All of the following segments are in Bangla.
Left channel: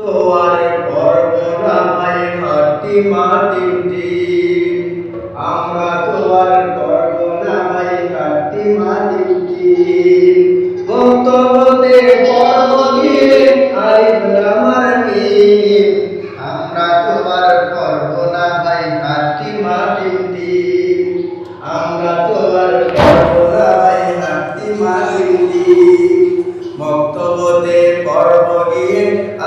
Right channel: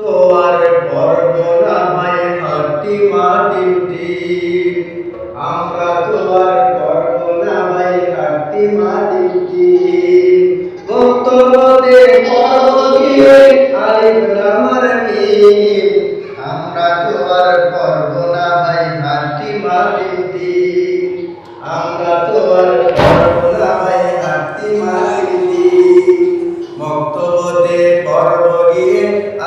তো আর করব না ভাই হাটি মাটিটি আমরা তো আর করব না ভাই হাটি মাটিটি বক্তব্যতে করব গিয়ে আলিফ লামার মিম আমরা তো আর করব না ভাই হাটি মাটিটি আমরা তো আর করব না ভাই হাটি মাটিটি পর্ব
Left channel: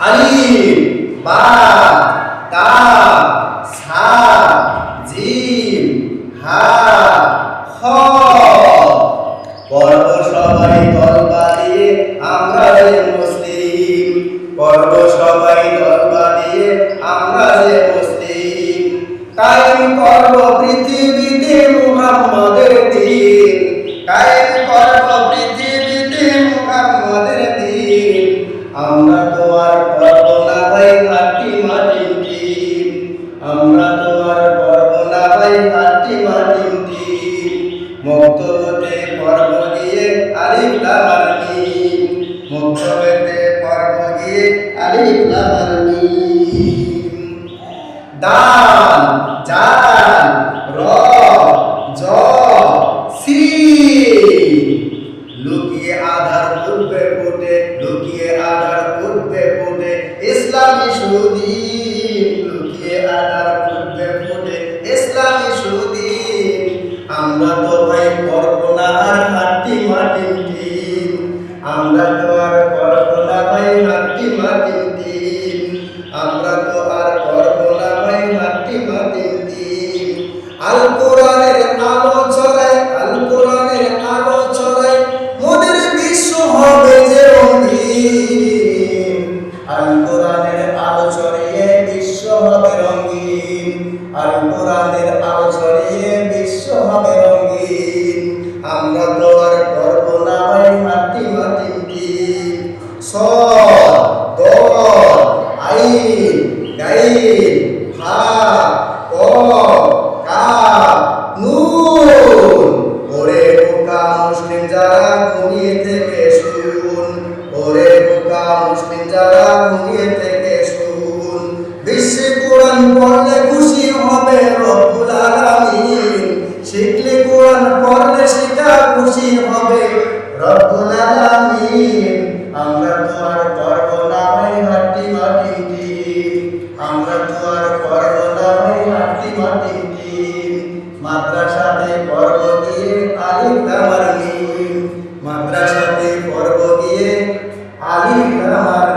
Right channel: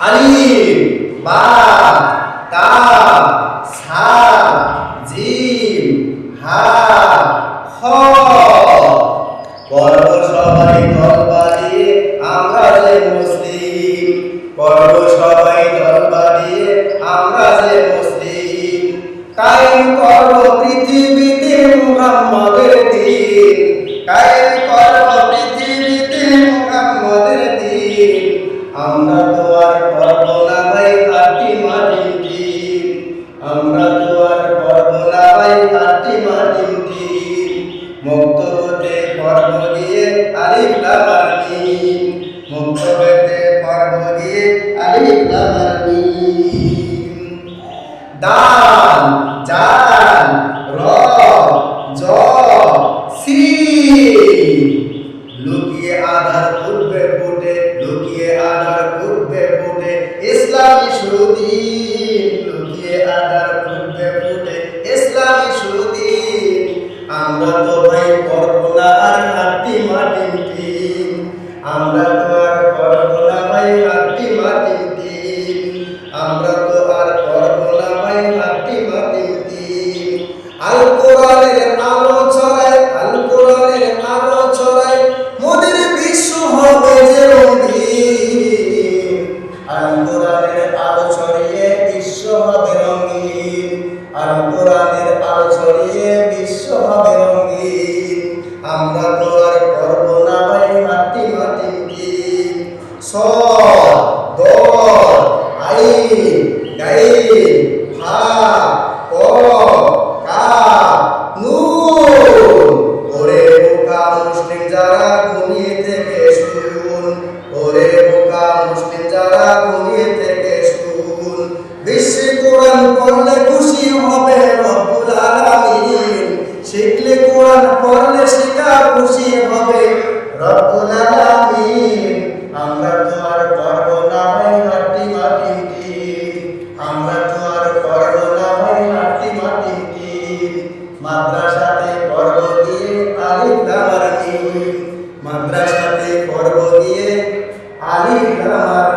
আলিফ বা তা সা জিম হা খ। পর্ব সবাই দলবা দিয়ে আমরা যে মুসলিম। পর্ব সবাই দলবা দিয়ে আমরা যে মুসলিম। কায়েম করব পৃথিবীতে মুহাম্মাদের দিন। দিন মুক্তবতে পর্ব গিয়ে আলিফ লামার মিম মুক্তবতে পর্ব গিয়ে আলিফ লামার মিম দাল, জাল র জ সি লুকিয়ে আধার উঠবে ফুটে আমরা তো আর করব না ভাই হাটি মাটি টিম আমরা তো আর করব না ভাই হাটি মাটি টিম আল কোরআনের আলো ছড়ায়, আল কোরআনের আলো ছড়ায়, মোদের বিশ্ব হবে যে রঙিন। আল আলো ছড়িয়ে বিশ্ব হবে রঙিন। আল কোরআনের আলো ছড়িয়ে বিশ্ব হবে রঙিন। আমরা তো আর করব না টিম স দ আইন গাইন নুন। ওরে বোকা মুসলিম যারা ঘুমিয়ে থেকে শুন, ওরে বোকা মুসলিম যারা ঘুমিয়ে থেকে শুন। বিশ্বে কোরআন খুশি হবে রব্বুল আলামিন। শিখলে কোরআন পড়লে শিখা খুশি হবে রব্বুল আলামিন। আমরা তো আর পারব না ভাই হাঁটি মাটি আমরা তো আর পারব না ভাই হাঁটি মাটি মাদ্রাসাতে পর্ব দিয়ে আলিফ লামার মিম মাদ্রাসাতে পর্ব দিয়ে আলিফ লামার